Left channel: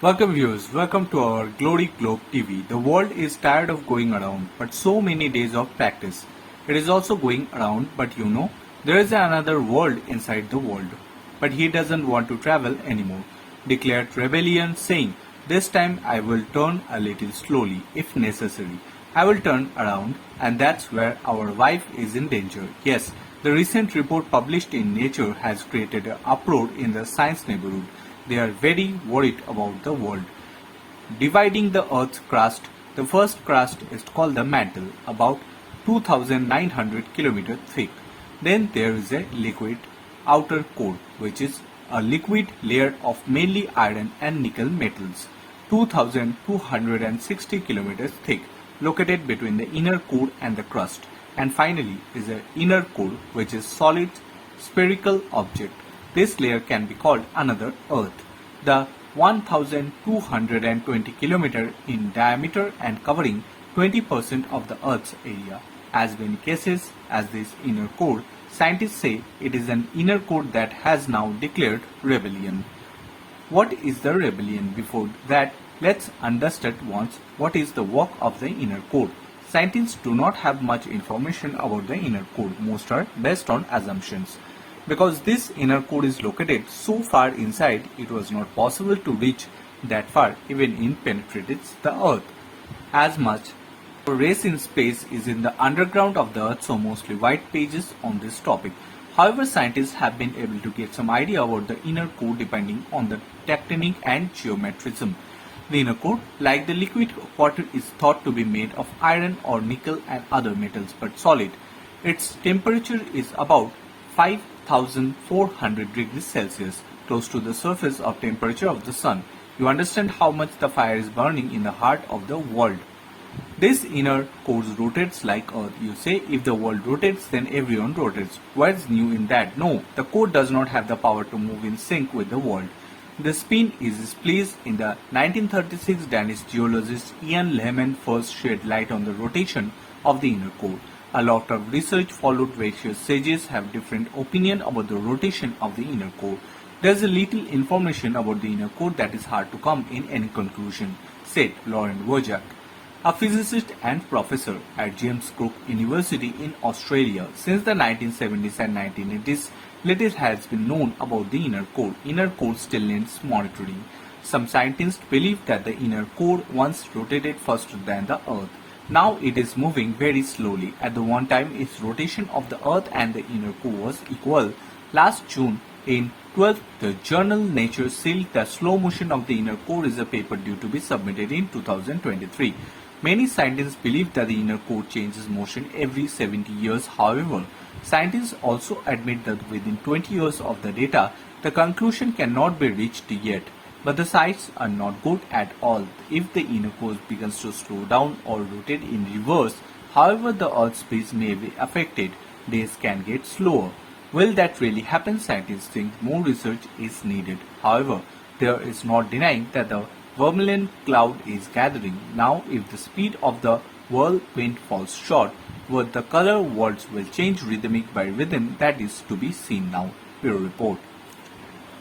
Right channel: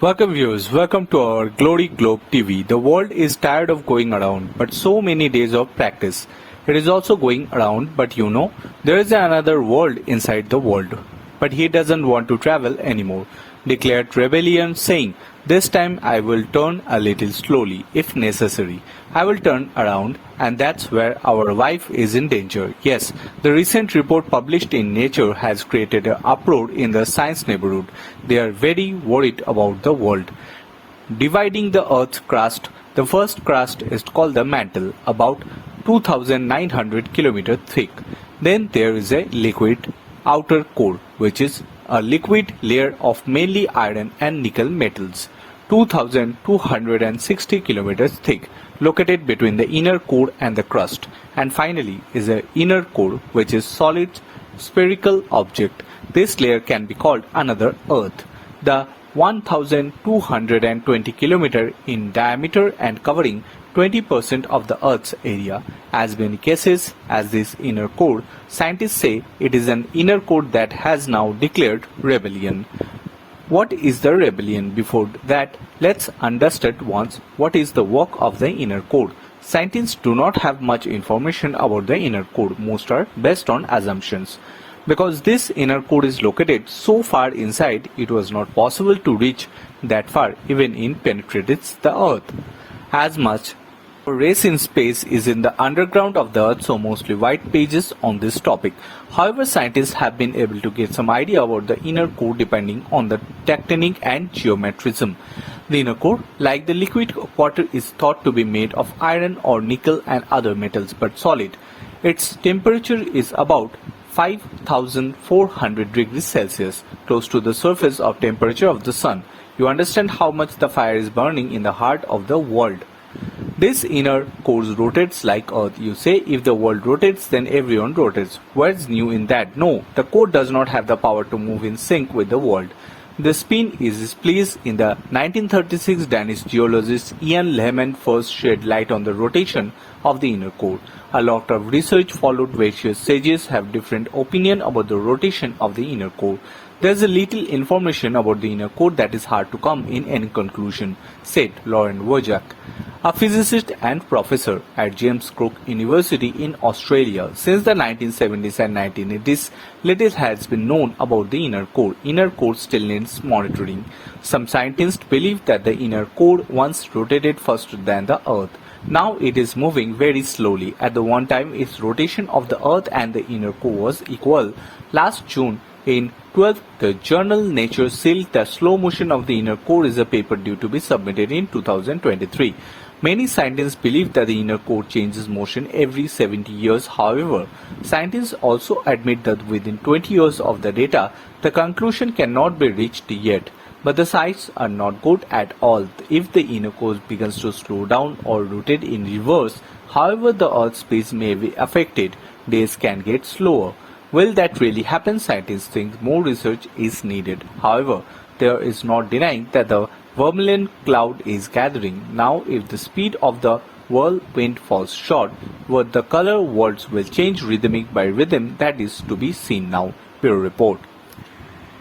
Welcome viewers, welcome to our Glory Globe TV. The world is tired of going around, but so many days of practice. It is also going around, but there is another world inside the world. But he doesn't want to travel anymore. Declared rebellion saying, this time I will turn a little slowly, if necessary. I will turn around, and that's where our life is in danger. Yes, the recent report published in Nature has created an uproar in the science neighborhood. They are very worried about the world. Dividing the Earth's crust, the first crust is called the mantle, about 2,900 kilometers thick. Then there is a liquid outer core, which is a liquid layer of mainly iron and nickel metals, 2,260 kilometers thick, located between the inner core and the crust. And finally is a inner core, which is solid spherical object. This layer can be called another Earth. The 1,220 km in diameter and covering 20% of the Earth's area. As many cases as this inner core, scientists say it is an inner core that has now declared rebellion. What is the rebellion? Before that, let's understand once what is the work of the inner core. Scientists do not have much information about the inner core. Most are based on assumptions. Because this inner core is located so far inside, it was not possible to reach that far even it penetrates the Earth. As much race in space is in the underground of the Earth, so mostly white pages on this topic. However, scientists have been able to get some idea about the inner core depending on the tectonic and geometrism. The inner core, like the liquid water, is thought to be made of iron or nickel and other metals, but solid. Its temperature is about 5,400 degrees Celsius, close to the surface of temperature of the sun. You understand how much the fire is burning in the heart of the world. This inner core rotates like Earth. You say if the world rotates, then everyone rotates. What's new in that? No, the core does not have the power to move in sync with the world. The spin is displeased. In the 1936, Danish geologist Ian Lehmann first shed light on the rotation of the inner core. A lot of research followed. Various sages have different opinion about the rotation of the inner core. There is a little information about the inner core that is hard to come in any conclusion, said Lauren Wojcik, a physicist and professor at James Cook University in Australia. Since the 1970s and 1980s, little has been known about the inner core. Inner core still needs monitoring. Some scientists believe that the inner core once rotated faster than the Earth. Now it is moving very slowly. At the one time, its rotation of the Earth and the inner core was equal. Last June, in 12th, the journal Nature sealed the slow motion of the inner core is a paper due to be submitted in 2023. Many scientists believe that the inner core changes motion every 70 years. However, scientists also admit that within 20 years of the data, the conclusion cannot be reached yet. But the signs are not good at all. If the inner core begins to slow down or rotate in reverse, however the Earth's pace may be affected, days can get slower. Will that really happen? Scientists think more research is needed. However, there is not denying that the vermilion cloud is gathering. Now, if the speed of the whirlwind falls short, what the color worlds will change rhythmic by rhythm, that is to be seen now. Bureau Report.